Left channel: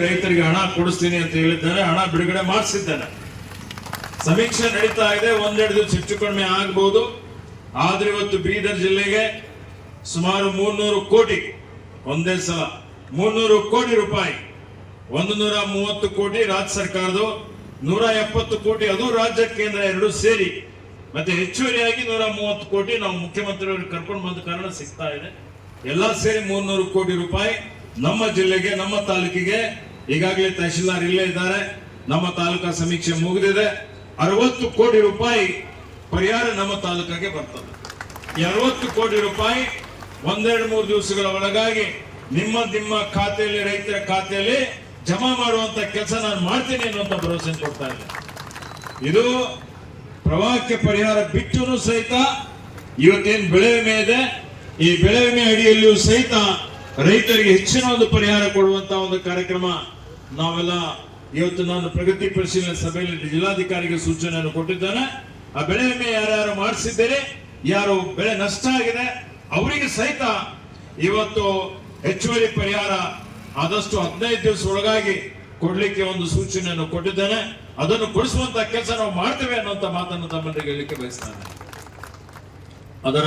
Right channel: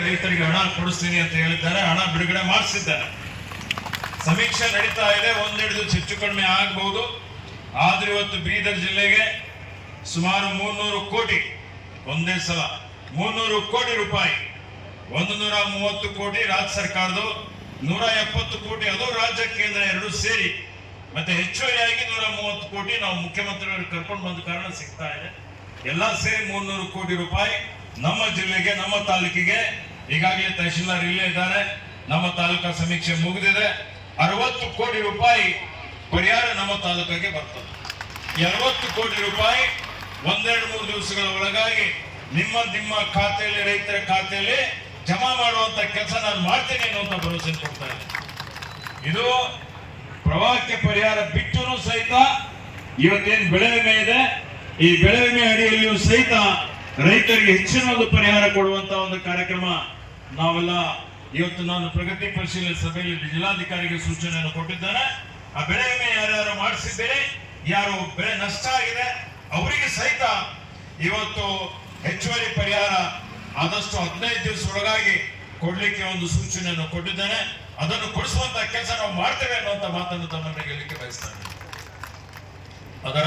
ರೈತರಿಗೆ ಹಣ ಕೊಡಿಸ್ತೀನಿ ಅಂತ ಹೇಳಿದ್ದಾರೆ, ಹಣ ಬಿಡುಗಡೆ ಮಾಡಿಸಿದ್ದಾನೆ ಸಮೀಕ್ಷೆ ನಡೀತಾ ಇದೆ, ಒಂದೆರಡು ದಿವಸ ಹೆಚ್ಚು ಕಡಿಮೆ ಆಗ್ಬೋದು. ಆದ್ರೆ ಇವತ್ತು ಬೀದರ್ ಜಿಲ್ಲೆಗೆ ಸುಮಾರು ಮೂರ್ನೂರು ಕೋಟಿ, ಒಂದೇ ಸಲ ಮೂರ್ನೂರು ಕೋಟಿ ರೂಪಾಯಿ. ಒಂದು ನೂರ ಮೂವತ್ತು ಕೋಟಿ ರಾಜ್ಯ ಸರ್ಕಾರದ್ದು, ನೂರ ಎಪ್ಪತ್ತು ಕೋಟಿ ಅದು ರಾಜ್ಯ ಕೇಂದ್ರ ಎರಡು ಸೇರಿ. ಮತ್ತೆ ಹೆಚ್ಚುವರಿಯಾಗಿ ನೂರ ಮೂವತ್ತು ಕೋಟಿ ನಾವು ಮುಖ್ಯಮಂತ್ರಿಗಳು ಕರ್ಕೊಂಡು ಬಂದ ಕಾರಣ ಸಿಗ್ತಾ ಇದೆ. ಎಲ್ಲ ಸೇರಿ ಮೂರ್ನೂರು ಕೋಟಿ ರೂಪಾಯಿ. ನಮ್ಮ ಜಿಲ್ಲೆಗೆ, ನಮ್ಮ ತಾಲೂಕಿಗೆ ಈಗಾಗಲೇ ತಹಶೀಲ್ದಾರ್ ಇಲ್ಲೇ ಇದ್ದಾರೆ. ನಮ್ಮ ತಾಲೂಕಾ ಸಮೀಕ್ಷೆ ಮುಗಿದಿದೆ. ಅರವತ್ತು ಕೋಟಿ ರೂಪಾಯಿ ಪರಿಹಾರ ನಮ್ಮ ತಾಲೂಕಿಗೆ ಬರ್ತದೆ ಈ ಅರವತ್ತು ಕೋಟಿ ರೂಪಾಯಿ ಒಂದೆರಡು ಮೂರು ದಿವಸಗಳ ಒಳಗಾಗಿ ನಿಮ್ಮ ನಿಮ್ಮ ಖಾತೆಯಲ್ಲಿ, ರೈತರ ಖಾತೆಯಲ್ಲಿ ಜಮಾ ಮಾಡುವಂತ ಕೆಲಸ ನಾನು ಮಾಡ್ತೀನಿ ಅನ್ನುವಂಥ ಭರವಸೆ ಕೊಡ್ತಾ ಇದ್ದೀನಿ ಇದು ಪ್ರವಾಹಕ್ಕೆ ಪರಿಹಾರ ಬಿಟ್ಟು ಸಹಿತ ಇವತ್ತೇನು ಬೆಳೆ ವಿಮೆ ಇದೆ? ಈ ಬೆಳೆ ವಿಮೆ ಅಡಿಯಲ್ಲಿಯೂ ಸಹಿತ ರೈತರಿಗೆ ಹೆಚ್ಚಿನ ಒಂದು ಪರಿಹಾರ ಕೊಡುವಂತ ಒಂದು ಕಾರ್ಯಕ್ರಮ ನಾವೆಲ್ಲ ಇವತ್ತು ನಾನು ಪ್ರಗತಿ ಪರಿಶೀಲನೆ ಸಭೆಯಲ್ಲಿ ಜಿಲ್ಲಾಧಿಕಾರಿಗೆ ಸೂಚನೆಯನ್ನು ಕೊಟ್ಟಿದ್ದೇನೆ. ಆ ಬೆಳೆ ವಿಮೆ ಯಾರ್ಯಾರು ಮಾಡಿಸಿದ್ದೇನೆ ಯಾರು ಬೆಳೆ ನಷ್ಟ ಆಗಿದೆ, ಅವರಿಗೆ ಸಹಿತ ಇವತ್ತು ಹೆಚ್ಚುವರಿ ಪರಿಹಾರ ಆದಷ್ಟು ಹದಿನೈದು ದಿವಸ ಒಳಗಾಗಿ ಕೊಡ್ಲಿಕ್ಕೆ ಒಂದು ಸೂಚನೆಯನ್ನು ಕೊಟ್ಟಿದ್ದೇನೆ. ಅದನ್ನು ಕೊಡಿಸುವಂತ ಕೆಲಸ ನಾವು ಮಾಡ್ತೇವೆ ಅನ್ನುವಂತ ಮಾತನ್ನು ತಮ್ಮ ಹೇಳಲಿಕ್ಕೆ ಬಯಸ್ತಾನೆ. ಅದರ